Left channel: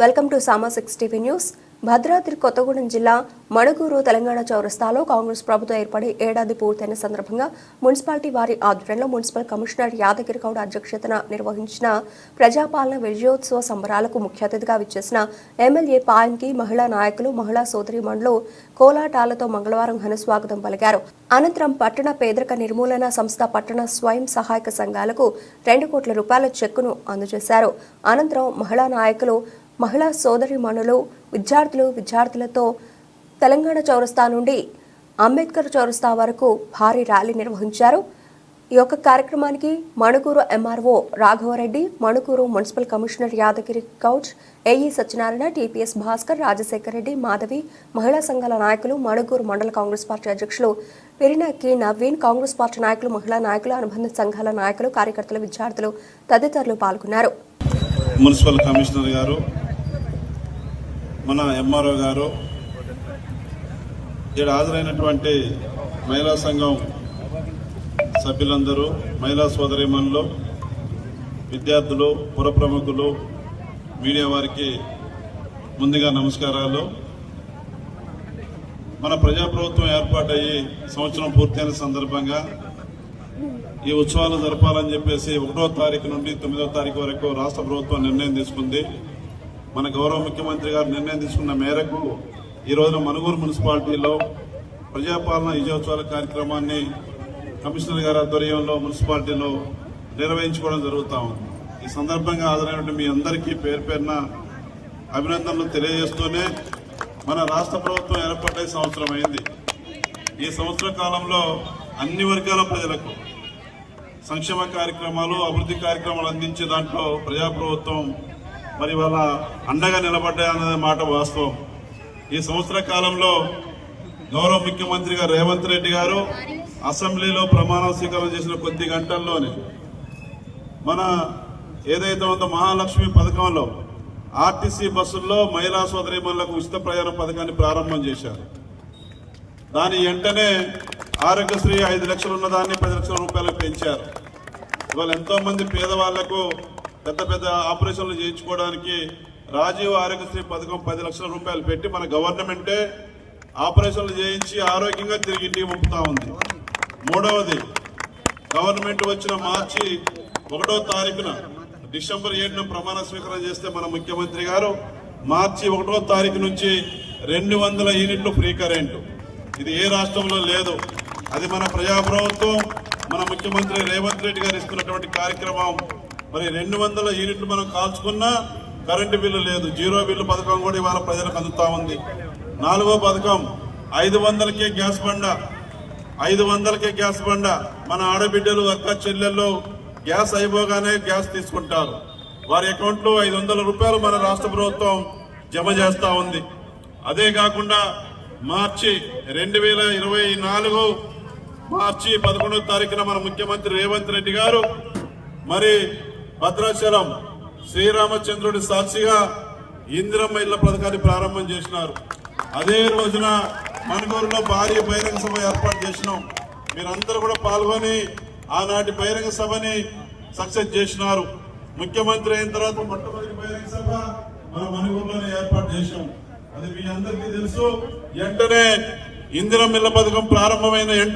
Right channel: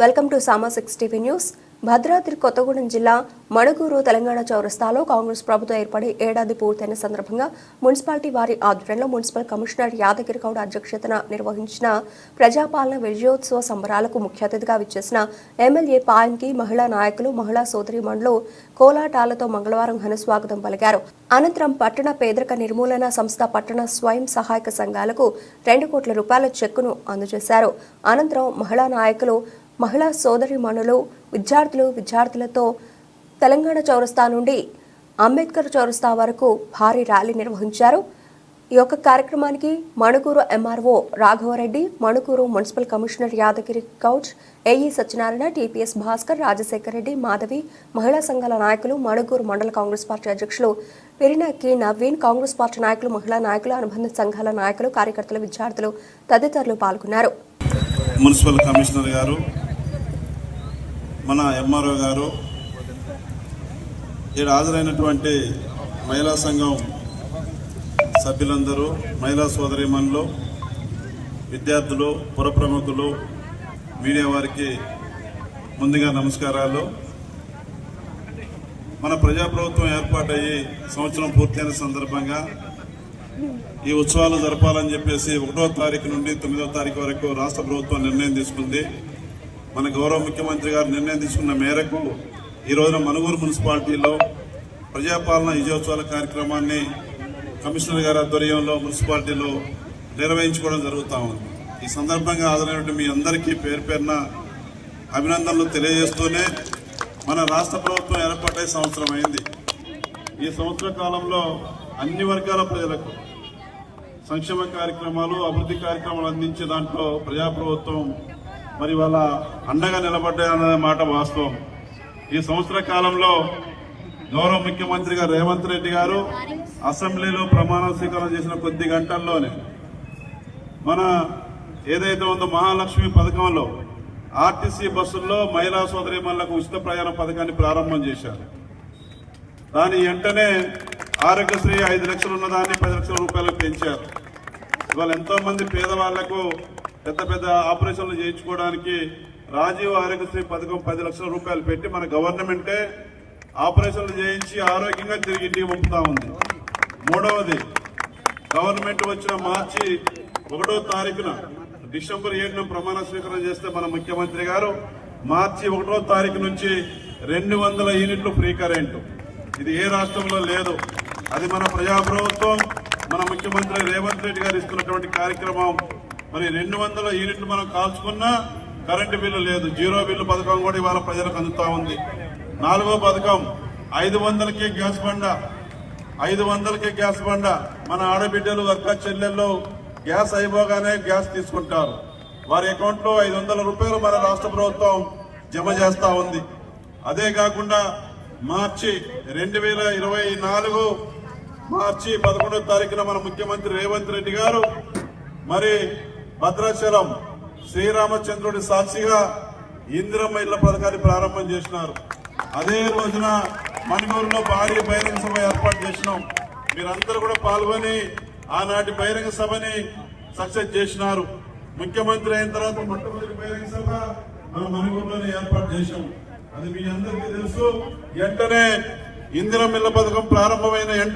Welcome to Sama six TV news. Bhadradri Kothagudem జిల్లా మణుగూరు తెలంగాణ చౌరస్తాలో కాంగ్రెస్ ప్రభుత్వం ఏర్పడి ఏడాది పూర్తయిన సందర్భంగా మున్సిపాలిటీ వారి ఆధ్వర్యంలో మున్సిపల్ కమిషనర్ యాదగిరి గౌడ్ అధ్యక్షతన నిర్వహించిన ప్రజాపాలన విజయోత్సవ సంబరాలకు ముఖ్య అతిథిగా విచ్చేసిన ఎమ్మెల్యే పాయంకి మహిళా నాయకులు మహిళా సోదరిమణులు కోలాటాలతో మంగళవారం ఘన స్వాగతం పలికారు. అనంతరం పట్టణ పేదరిక నిర్మూలన సంస్థ పట్టణ స్వయం సహాయక సంఘాలకు రెండు కోట్ల రూపాయల చెక్కును అందజేశారు. అనంతరం మహిళా నాయకులు మహిళా సోదరిమణులు విద్యార్థులు విద్యార్థులతో తెలంగాణ చౌరస్తా నుండి అంబేద్కర్ చౌరస్తా వరకు భారీ ర్యాలీ నిర్వహించారు. ఈ యొక్క కార్యక్రమానికి Manuguru MRO Raghavareddy Manuguru municipal commissioner Yadagiri couch AE Satyanarayana TPS Bhaskar Rajasekhar Reddy Madhavi మహిళా సంఘాల నాయకులు మణుగూరు మండల కాంగ్రెస్ పార్టీ అధ్యక్షులు పెరినకి నవీన్ కాంగ్రెస్ పార్టీ నాయకులు మహిళా నాయకులు అనుబంధ సంఘాల నాయకులు కార్యకర్తలు విద్యార్థులు తదితరులు పాల్గొన్నారు. మున్సిపల్ కమిషనర్ గారు మన ఎంఆర్ఓ గారు ఇక్కడ హాజరైనటువంటి మహిళా సంఘం సభ్యులందరూ మహిళా సోదరిమణులు విద్యార్థులు పురప్రముఖులు మీడియా వారికి ముందుగా నమస్కారాలు. మన ప్రజాప్రభుత్వం ఏర్పాటయ్యి సంవత్సరం పూర్తయిన సందర్భంగా ఈ ఉత్సవాలు జరపాలని చెప్పేసి ఒకటో తారీఖు నుండి తొమ్మిదో తారీఖు వరకు రాష్ట్ర ప్రభుత్వం నిర్ణయం తీసుకుంది. మన గౌరవ ముఖ్యమంత్రి గారు నిర్ణయం తీసుకున్న మేరకు ఈ రోజున మనుగూరు మున్సిపాలిటీలో ప్రజాపాలన విజయోత్సవాల కార్యక్రమాన్ని కమిషనర్ గారి ఆధ్వర్యంలో మున్సిపాలిటీలో నిర్వహించుకోవడం జరుగుతా ఉంది. ఈ సందర్భంగా హాజరైనటువంటి మీ అందరికీ పేరు పేరున అభినందనలు తెలియజేస్తూనే మన రాష్ట్ర ప్రభుత్వం ఏర్పడే సంవత్సరం అయింది. ఈ సంవత్సర కాలంలో అన్ని వర్గాల ప్రజలకు సంక్షేమ కార్యక్రమాలు అభివృద్ధి కార్యక్రమాలు అందించే దాంట్లో ప్రజాప్రభుత్వం మరి వాళ్ళ అండగా నిలబడ్డాయన్న మాట వాస్తవం. ఈ సంవత్సర కాలంలో గౌరవ ముఖ్యమంత్రిగా రేవంత్ రెడ్డి గారు అసెంబ్లీలో ప్రమాణ స్వీకారం చేసిన కొద్ది గంటల్లోనే మన ఏదైతే ఉందో మహాలక్ష్మి పథకంలో ఆర్టీసీ బస్సుల్లో మహిళా సోదరి సోదరిమణులకు ఉచిత ప్రయాణ పథకాన్ని ప్రారంభం చేశారు. దాని వెంటనే ఆరోగ్యశ్రీ ఐదు లక్షలు ఉన్న దాన్ని పది లక్షల రూపాయలకు పెంచారు. ఇవాళ ఎంతో మంది పేదవాళ్ళకు పెద్ద పెద్ద ఆపరేషన్లు చేయించుకోవడానికి రాజీవ్ ఆరోగ్యశ్రీ పథకం పది లక్షల రూపాయలు పెట్టి మన గవర్నమెంటే ఆపరేషన్లు చేయించి ఆరోగ్యంగా తిరిగి ఇంటికి పంపుతా ఉంది. మూడవది గవర్నమెంట్ వచ్చిన మార్చి ఒకటో తారీఖున డిసెంబర్ ఏడున ప్రమాణ స్వీకారం చేస్తే మన ముఖ్యమంత్రి గారు మార్చి ఒకటో తారీఖు నుంచి రెండు వందల యూనిట్లు ఫ్రీ కరెంట్. ఇది ఏ రాష్ట్రంలో లేదు. అది మన ప్రజాప్రభుత్వం మన ముఖ్యమంత్రి రేవంత్ రెడ్డి గారు ఇస్తున్నటువంటి కార్యక్రమం. మరి రెండు వందల యూనిట్లు మనం కాల్చుకున్నా కరెంటు బిల్లు లేదు. జీరో బిల్లు పథకం కూడా ఇవాళ ప్రజలకు అందుతా ఉంది. నాలుగో పథకం ఐదు వందలకే గ్యాస్ బండ. ఐదు వందలకే గ్యాస్ బండ. మన ఆడబిడ్డలు అక్క చెల్లెళ్ళు గ్యాస్ అయిపోగానే గ్యాస్ తీసుకుంటారు. వారి అకౌంట్లో ఐదు వందల రూపాయలు మన రాష్ట్ర ప్రభుత్వం జమ చేస్తూ ఉంది. అదే కాకుండా మార్చి రెండు వేల ఇరవై నాలుగు మార్చి పదకొండవ తారీఖున మన ముఖ్యమంత్రి రేవంత్ రెడ్డి గారు మరి భద్రాచలం శ్రీరామచంద్రుడి సాక్షిగా ఇందిరమ్మ ఇళ్ళ పథకాన్ని ప్రారంభం చేసినారు. అదే రోజున మణుగూరులో భారీ బహిరంగ సభ ఏర్పాటు చేసినాం. మీరందరూ కూడా పాల్గొని ఆనాటి బహిరంగ సభని సక్సెస్ చేసినారు. ముఖ్యమంత్రి అయిన తర్వాత మొట్టమొదటి బహిరంగ సభ మనం మణుగూరులోనే ఏర్పాటు చేశాం. అది మీ అందరికీ తెలుసు. వెంటనే ఇందిరమ్మ ఇళ్ళ పథకం ప్రారంభమైన వెంటనే